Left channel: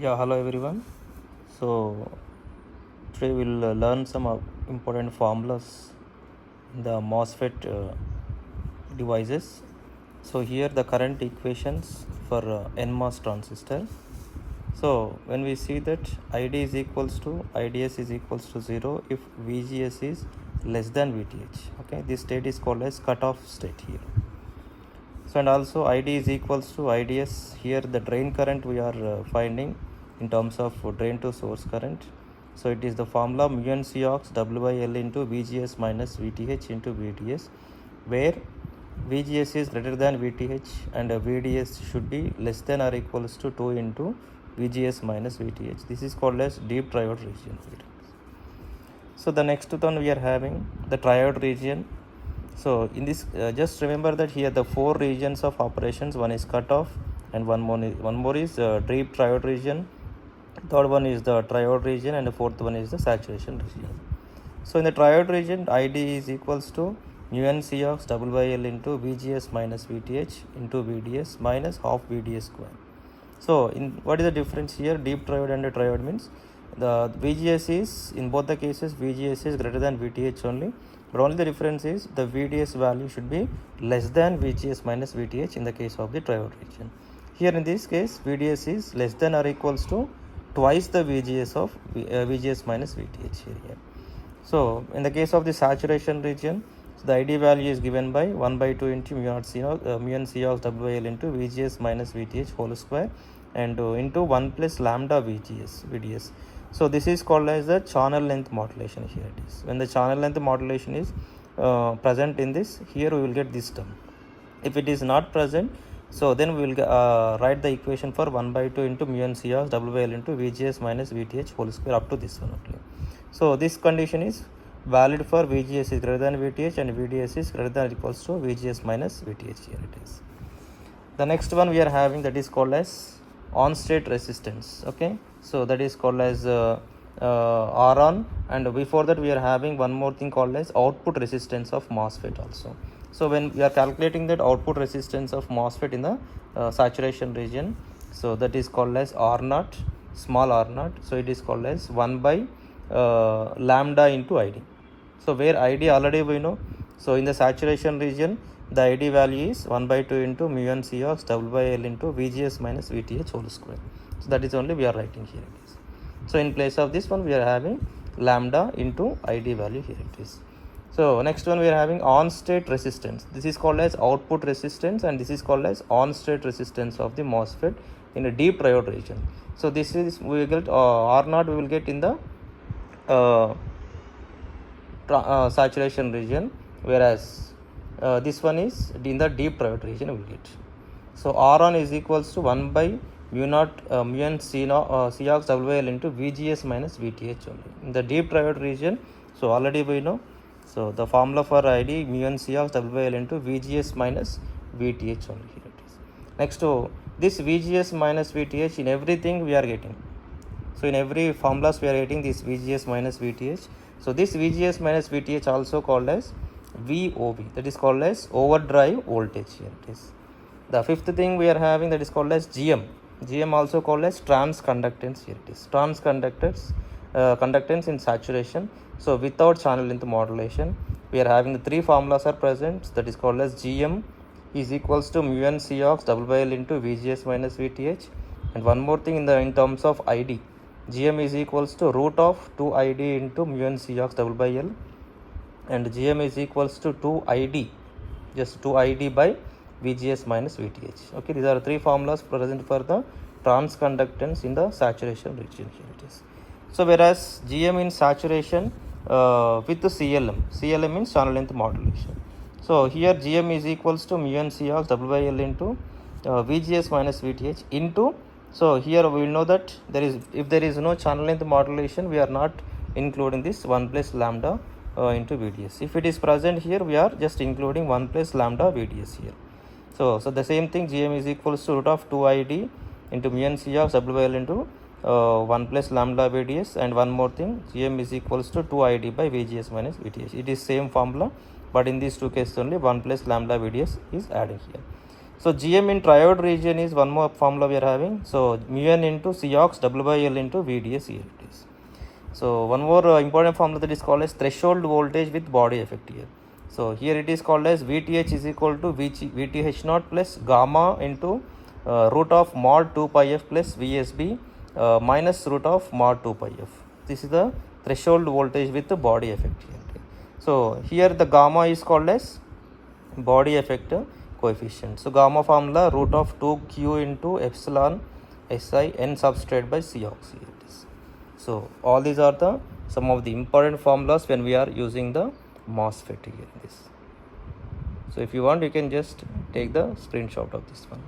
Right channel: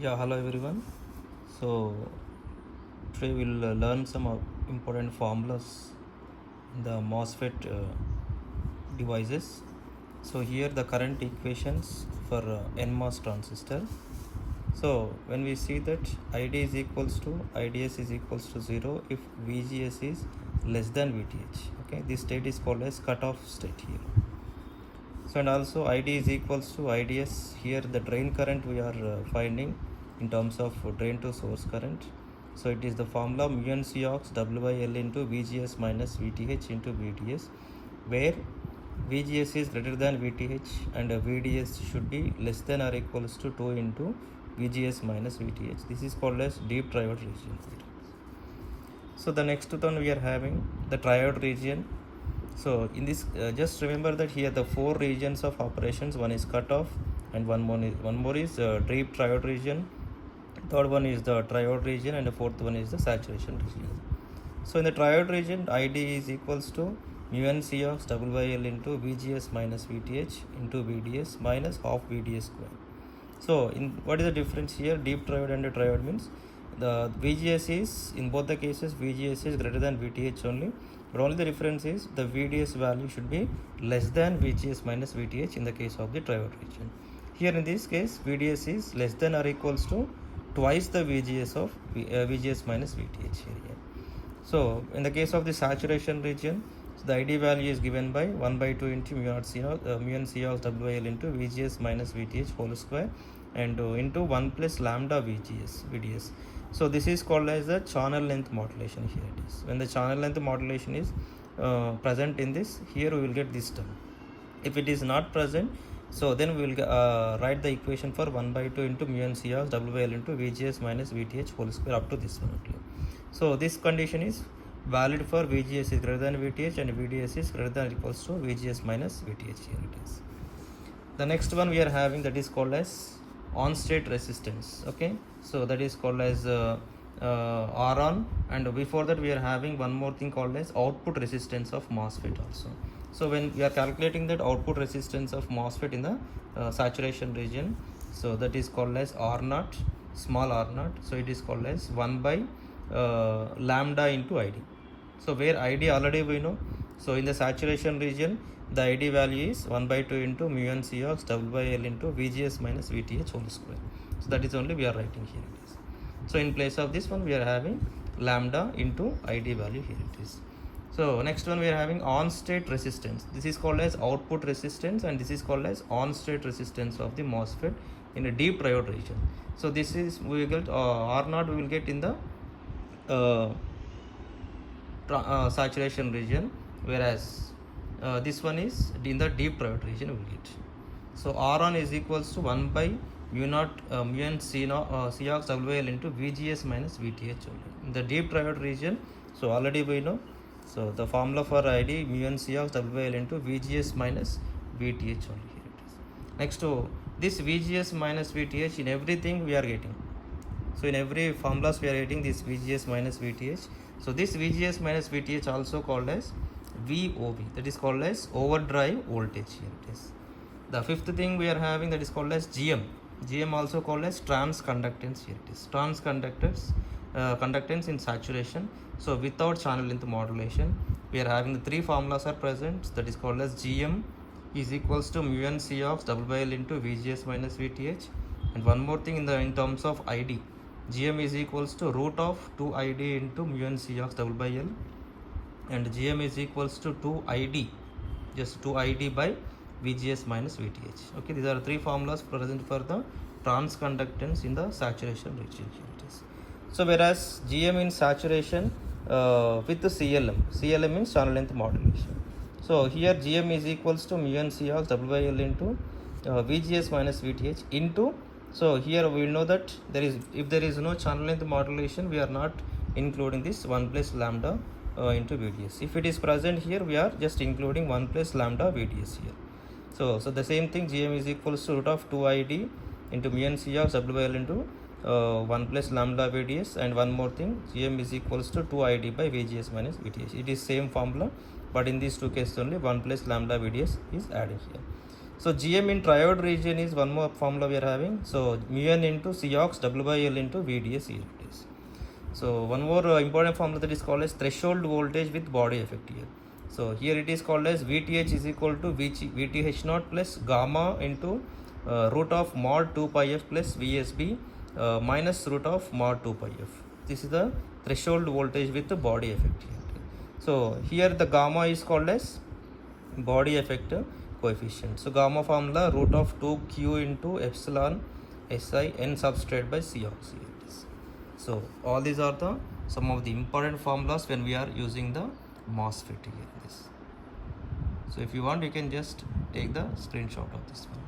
Yeah, hello everyone. So today we'll learn some important formulas in the Mosfet devices. So here the current equations for NMOS transistor. So when we see that ID is equals to IDS is equals to 0 if VGS is less than VTH. Okay, this state is called as cutoff state here. So and also ID is equals to IDS. Here the drain current we are finding in terms of drain to source current. So it is the formula mu n C ox W by L into VGS minus VTH into VDS, where VGS is greater than VTH and VDS should be less than or equals to 2 into VGS minus VTH. This is called as deep triode region. So the next one we are having the triode region. So in this just remember that here the four regions of operations, one is cutoff and one more is deep triode region, third one is the triode region, and the fourth one is the saturation region. So in the triode region, ID is equals to mu n C ox double by L into VGS minus VTH into VDS minus half VDS square. So in what is the difference here? Deep triode and the triode means the VGS is, in both the cases, VGS is greater than VTH only, but only the difference is the VDS value should be less than VGS minus VTH in the case of the triode region. Here in this case, VDS is less than or equals to twice the VGS of VGS minus VTH here. So in the case of the saturation region, so the ID value is given by 1 by 2 into mu n C ox WL into VGS minus VTH whole square and into 1 plus lambda VDS. So this is called as the channel length modulation here it is. When the channel length modulation is present in this, here we will get this term. If it is not present, so then we will write the equation for 1 by 2 into mu n C ox WL into VGS minus VTH whole square up to this one. Okay. So this condition is valid for VGS is greater than VTH and VDS is greater than or equals to VGS minus VTH here it is. The next one we are having, that is called as on state resistance. Okay, so that is called as R on, and before that we are having one more thing called as output resistance of MOSFET also. So when we are calculating that output resistance of MOSFET in the saturation region, so that is called as R naught, small r naught. So it is called as 1 by lambda into ID. So where ID already we know, so in the saturation region the ID value is 1 by 2 into mu n C ox double by L into VGS minus VTH whole square. So that is only we are writing here it is. So in place of this one we are having lambda into ID value here it is. So next one we are having on state resistance. This is called as output resistance and this is called as on state resistance of the MOSFET in a deep triode region. So this is we will get R naught we will get in the saturation region, whereas this one is in the deep triode region we will get. So R on is equals to 1 by mu naught mu n C ox WL into VGS minus VTH only. In the deep triode region, so already we know, so the formula for ID mu n C ox WL into VGS minus VTH only here it is. Next to this VGS minus VTH in everything we are getting. So in every formulas we are getting this VGS minus VTH. So this VGS minus VTH also called as VOV, that is called as overdrive voltage here it is. The fifth thing we are having, that is called as GM also called as transconductance here it is. Conductance in saturation. So without channel length modulation we are having the three formulas are present, that is called as GM is equals to mu n C ox double by L into VGS minus VTH, and one more thing in terms of ID, GM is equals to root of 2 ID into mu n C ox double by L, and GM is equals to 2 ID, just 2 ID by VGS minus VTH. Okay, these are three formulas present for the transconductance in the saturation region here it is. So whereas GM in saturation with the CLM means channel length modulation. So here GM is equals to mu n C ox double by L into VGS minus VTH into, so here we will know that if there is no channel length modulation we are not including this 1 plus lambda into VDS. If it is present here we are just including 1 plus lambda VDS here. So the same thing, GM is equals to root of 2 ID into mu n C ox double by L into 1 plus lambda VDS, and one more thing, GM is equals to 2 ID by VGS minus VTH. It is same formula, but in these two cases only 1 plus lambda VDS is added here. So GM in triode region is one more formula we are having. So mu n into Cox W by L into VDS ELTs. So one more important formula that is called as threshold voltage with body effect here. So here it is called as VTH is equal to VTH naught plus gamma into root of mod 2 pi f plus VSB minus root of mod 2 pi f. This is the threshold voltage with the body effect here. Okay. So here the gamma is called as body effect coefficient. So gamma formula root of 2q into epsilon SI n substrate by C oxide. So all these are the some of the important formulas when we are using the MOSFET here. So if you want, you can just take the screenshot of this one.